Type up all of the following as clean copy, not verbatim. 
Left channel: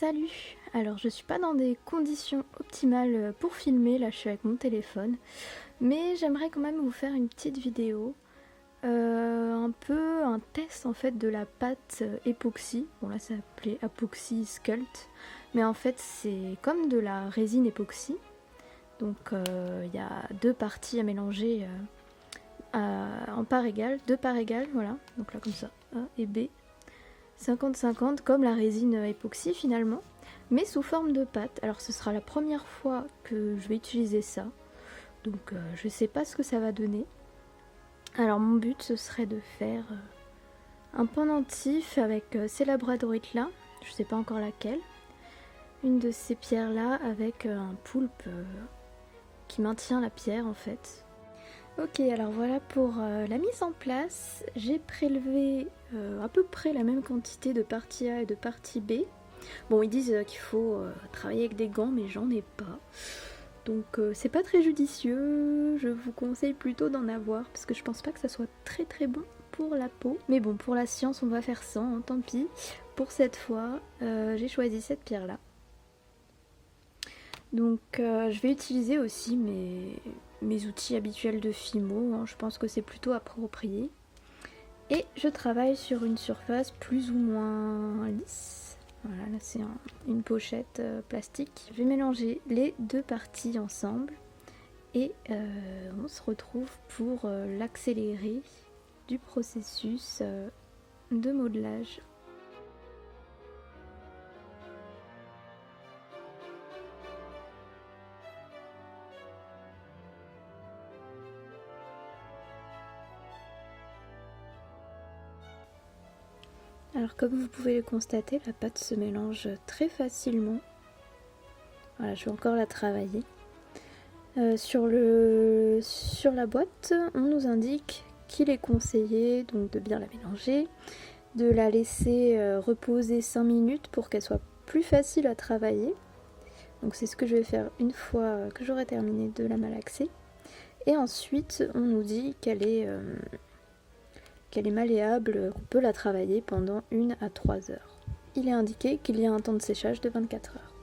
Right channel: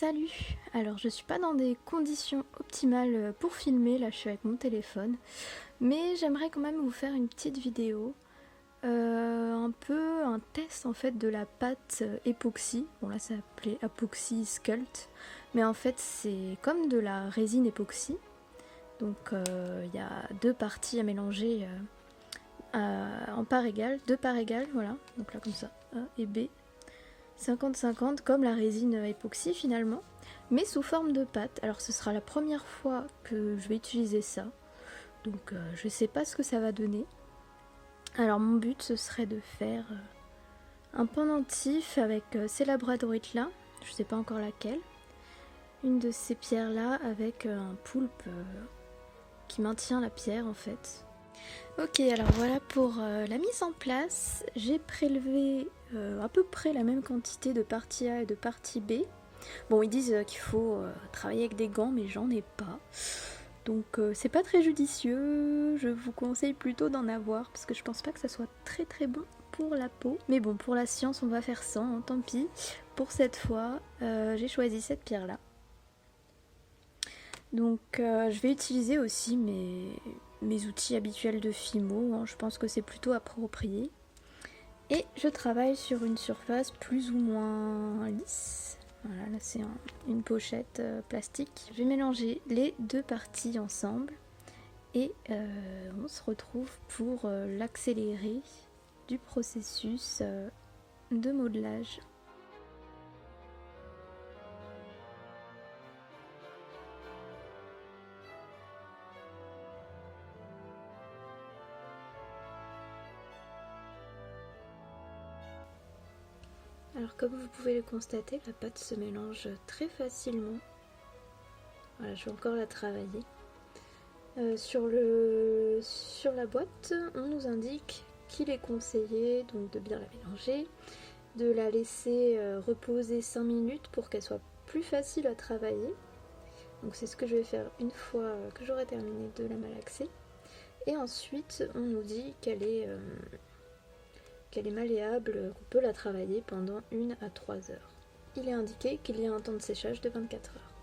Salut! Alors je suis pas dans des conditions optimales pour filmer, là je suis avec mon téléphone, mais j'aimerais quand même vous faire une petite vidéo, un peu un test en fait de la pâte époxy. Bon là ça s'appelait Epoxy Sculpt, mais en fait c'est comme de la résine époxy, donc il y a deux parties à mélanger en parts égales, deux parts égales, voilà, donc là comme ça, A et B. 50-50 comme la résine époxy finalement, mais sous forme de pâte. Alors ce sera la première fois que je vais utiliser ça, donc je sais pas ce que ça va donner. Alors mon but ce serait de faire un pendentif avec ces labradorites là, je sais pas encore laquelle, une de ces pierres là avec un poulpe qui maintient la pierre en fait. Ok, alors voilà pour la mise en place. J'ai prélevé à peu près la même quantité de partie A et de partie B. Bon, ils disent qu'il faut travailler avec des gants, mais j'en ai pas. Donc c'est pas très judicieux. Je vous conseille plutôt d'en avoir parce que je pense pas que ça soit très très bon pour la peau. Mais bon, pour la science, on va faire sans, hein, tant pis. Pour cette fois, j'ai choisi cette pierre là. Donc je vais utiliser aussi mes outils habituels de Fimo, hein, je pense que c'est plutôt approprié. Et je travaille sur une surface plus ou moins lisse. Voilà, là c'est une pochette plastique. Je vais mélanger les deux parties ensemble et on se retrouve pour l'accélérer du processus de modelage. Alors comme vous pouvez le constater, la pâte se mélange très facilement. Voilà, je vais encore la travailler. Sur la boîte, on nous indique qu'il est conseillé donc de bien la mélanger, de la laisser reposer 5 minutes pour qu'elle soit plus facile à travailler. Donc c'est ce que je vais faire une fois que j'aurai terminé de la malaxer. Et ensuite, on nous dit qu'elle est malléable, qu'on peut la travailler pendant 1 à 3 heures. Il est indiqué qu'il y a un temps de séchage de 24 heures.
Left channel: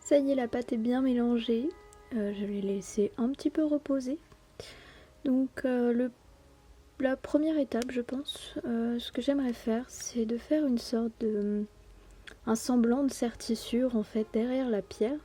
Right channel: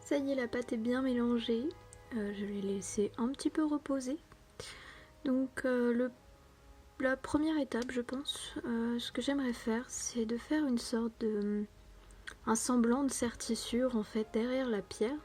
Ça y est, la pâte est bien mélangée. Je vais laisser un petit peu reposer. Donc la première étape, je pense, ce que j'aimerais faire, c'est de faire une sorte de un semblant de sertissure en fait derrière la pierre.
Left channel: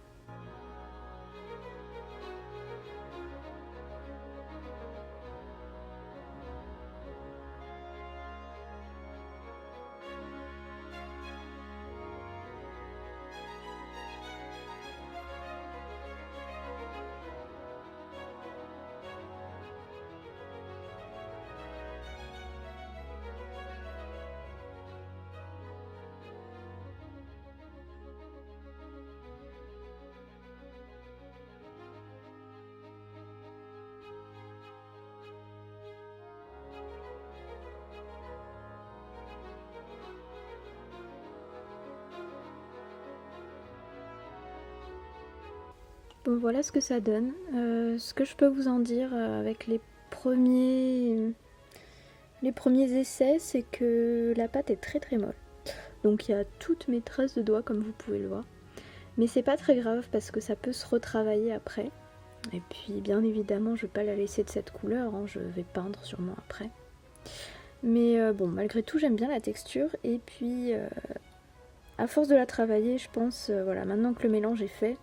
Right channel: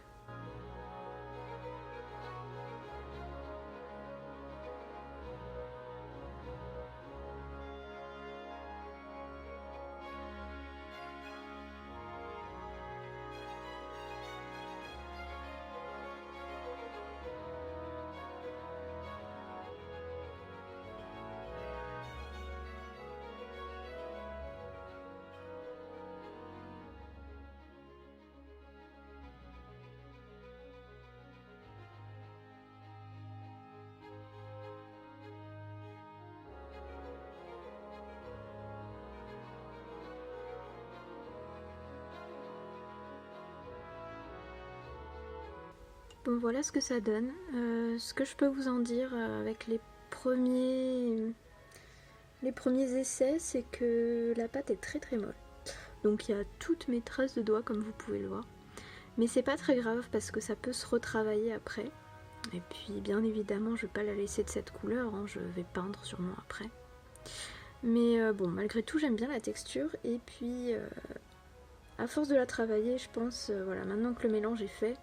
Bon, voilà ce que ça donne. Ce que je peux vous en dire avec les premiers essais, c'est que la pâte est très très molle. Donc il y a toutes mes traces de doigts comme vous pouvez le voir. Mais c'est pas très grave parce que ça peut se retravailler après. Et puis bien évidemment je vais pas la laisser de cette couleur, hein, je vais peindre sûrement après. Mais bon, malgré tout j'aime bien la texture et puis à force de la travailler, je pense, voilà, maintenant que le mélange est fait,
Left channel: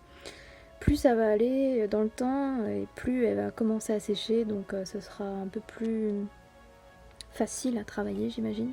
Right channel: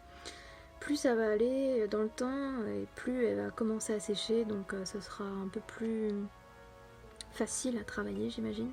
plus ça va aller dans le temps et plus elle va commencer à sécher, donc ce sera un peu plus facile à travailler, j'imagine.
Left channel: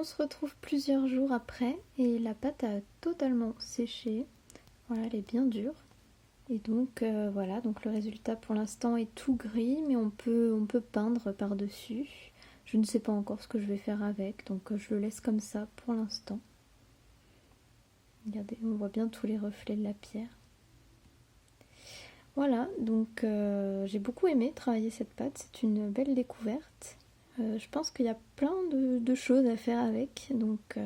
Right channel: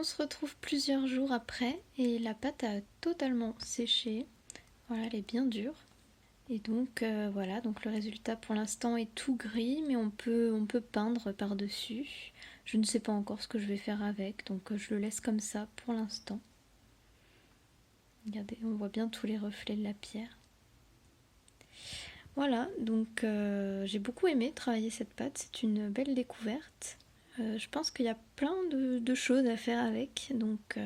On se retrouve plusieurs jours après et la pâte a totalement séché. Voilà, elle est bien dure. Et donc voilà, donc le résultat pour l'instant est tout gris, mais on peut peindre par-dessus. Je ne sais pas encore ce que je vais faire avec, donc je le laisse comme ça pour l'instant. Regardez, on voit bien tous les reflets de la pierre. Voilà, donc j'ai beaucoup aimé travailler cette pâte, c'est une belle découverte. Je pense qu'il y a plein de choses à faire avec, donc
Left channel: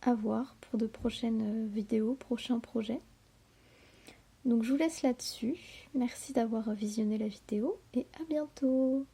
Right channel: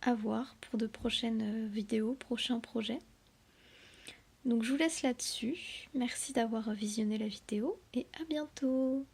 à voir pour de prochaines vidéos, prochains projets. Donc je vous laisse là-dessus. Merci d'avoir visionné la vidéo et à bientôt.